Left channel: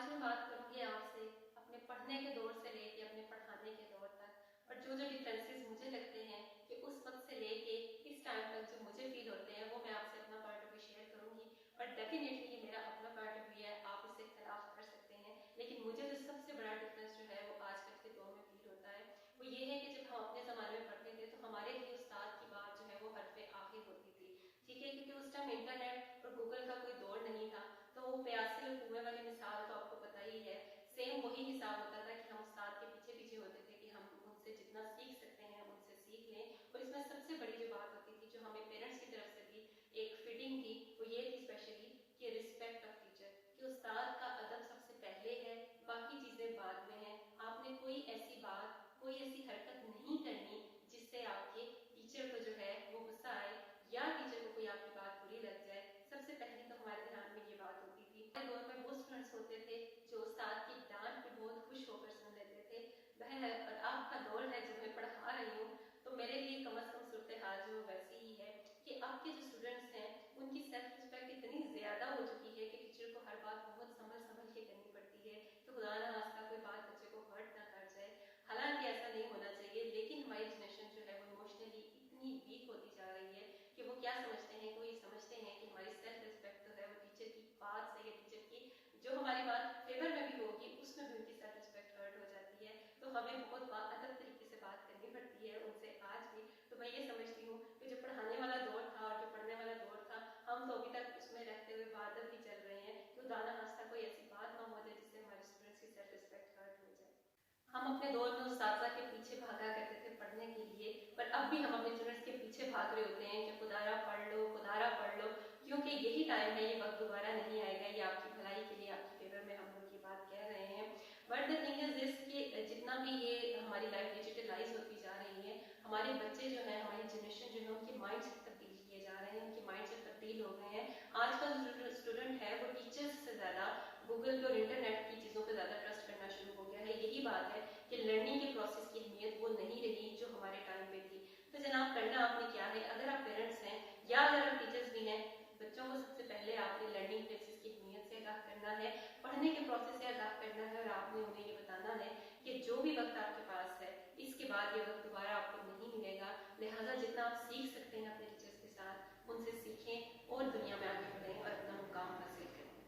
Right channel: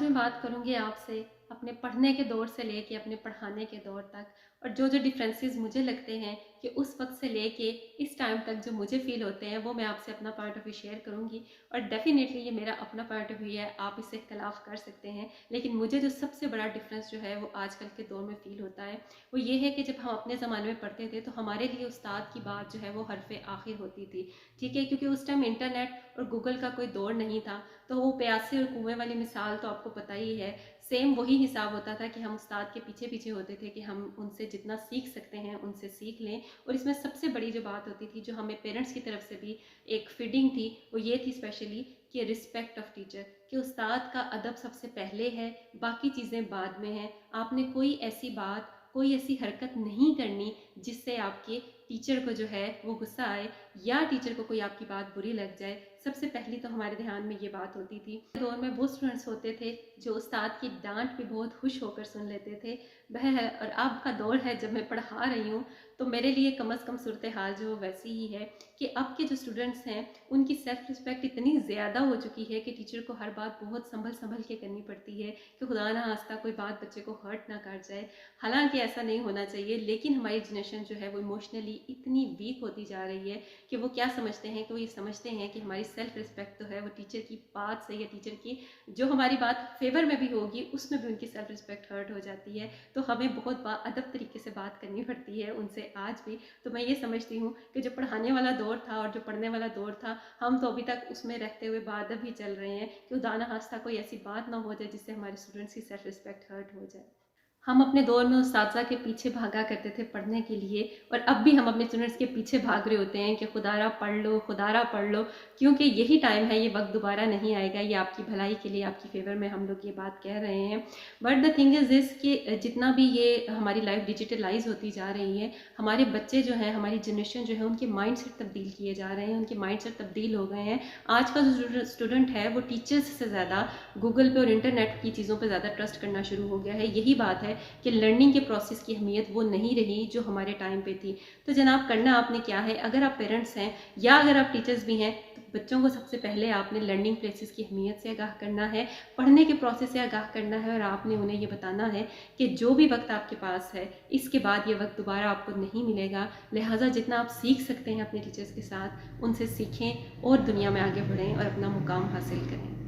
आज मैं बात करूंगी आपसे अपने पढ़ने के दौर से लेके अपने पढ़ाने के दौर तक, और जो जो डिफरेंसेस मुझे लगते हैं कि उस वक्त से लेके इस टाइम तक जो मुझे फील होते हैं वो मैं आपसे अपना पॉइंट ऑफ व्यू शेयर करूंगी। और डेफिनेटली ये मेरा अपना पॉइंट ऑफ व्यू है, आप इससे इख्तलाफ कर सकते हैं, लेकिन मुझे जो सबसे बड़ा डिफरेंस जो है वो आजकल के दौर में फील होता है वो ये है कि जब हम अपने ज़माने में पढ़ते थे तो हमारे लिए उस्ताद की बात जो है वो हरफ आखिर होती थी। ठीक है, क्योंकि उस टाइम इंटरनेट और गूगल का कोई दौर नहीं था, तो वो प्यासे और कुएं वाली मिसाल तो आपको पता ही है। सेम वही हिसाब होता था कि हम उस्ताद के पीछे पीछे होते थे कि हम उनसे जितना सीख सकते हैं उनसे सीख लें। और इसमें सबसे बड़ी जो बात होती थी, जो हमें पेरेंट्स की तरफ से भी एक फीडिंग थी, वो ये थी स्पेशली कि रिस्पेक्ट ऑफ टीचर, कि उस्ताद का अदब सबसे पहले है, बाकी चीज़ें बाद में हैं। आपने कोई ऐसी बात, कोई ऐसी हरकत नहीं करनी जिससे आपके टीचर को जो है वो गुस्सा आए या टीचर को कोई आपकी बात बुरी लग जाए। सबसे पहली तो हमारे ध्यान में ये बात होती थी। दौर में वो स्टूडेंट्स होते थे जो उस्ताद की डांट पे बहुत खुश होकर सुन लेते थे, वह है। और अब का दौर है, जब मैं पढ़ा रही हूँ तो मेरे लिए कम अज़ कम सूरत हाल जो वैसी ही है कि अब के जो स्टूडेंट्स हैं उनकी सेल्फ रिस्पेक्ट इतनी ज़्यादा हो चुकी है कि टीचर को हर बात बहुत संभल संभल के करनी पड़ती है कि खुदा ना खास्ता कोई बात बच्चे को हर्ट ना कर जाए। हालांकि ऐसा नहीं होना चाहिए, लेकिन हमारी जनरेशन जो है वो इमोशनली इतनी वीक होती जा रही है कि वो क्या समझते हैं, कि वो ये समझते हैं कि हमारी सेल्फ रिस्पेक्ट तो है वो टीचर की बात से, या टीचर की जो हमारी बात फेवर में भी होगी उसमें भी उनकी सेल्फ रिस्पेक्ट हर्ट हो जाती है। तो हमें बहुत अदब तरीके से बात करनी पड़ती है उनसे आज भी। तो मैं ये समझती हूँ कि जो पढ़ाने वाला दौर था और जो पढ़ने वाला दौर था, हम तो अभी तक उसमें रहते हुए बादब ही चल रहे हैं कि दाना हास्ता कोई ऐसी बात ना हो जाए जिससे हमारे स्टूडेंट्स की सेल्फ रिस्पेक्ट हर्ट हो जाए। हम अपने दौर में उस्ताज़ा के पीछे भागा करते थे पढ़ने के लिए, और अब भी हम अपने स्टूडेंट्स के पीछे भाग रहे होते हैं कि खुदारा पढ़ लो, खुदारा पढ़ लो, क्योंकि यही टाइम है, ये वक्त दोबारा नहीं आएगा। ये आपकी भलाई के लिए, आपकी फेवर में हम लोग ये बात कह रहे हैं। But the thing is this कि जितना भी ये हमारी लाइफ डिजिटलाइज होती जा रही है, हमारे बच्चे जो हैं, हमारी जनरेशन जो है, उनके माइंड सेट तब्दील किए जा रहे हैं, उनके माइंड सेट तब्दील हो गए हैं। आज का जो स्टूडेंट है वो टीचर्स से ज़्यादा गूगल पे और इंटरनेट की चीज़ों पर ज़्यादा ट्रस्ट करना शुरू हो गया है। यही बात है कि लर्निंग के प्रोसेस की अहमियत वो नहीं रही जो हमारे टाइम पे थी। तो जनाब, करना आपने क्या है, अगर आप पेरेंट्स हैं या अगर आप टीचर्स भी हैं, तो बच्चों को सबसे पहले आपने लर्निंग प्लेसेस की अहमियत से आगाह करना है, पढ़ने के प्रोसेस से आगाह करना है, और आपने उन्हें ये बताना है कि जो भी वक्त आपके पास है, इसके बाद ये वक्त दोबारा आपको नहीं मिलेगा। लिहाजा जितना आप सीख सकते हैं अपने टीचर्स के साथ, उनसे सीखें और दुनिया में आगे बढ़ें और अपना मुकाम हासिल करें।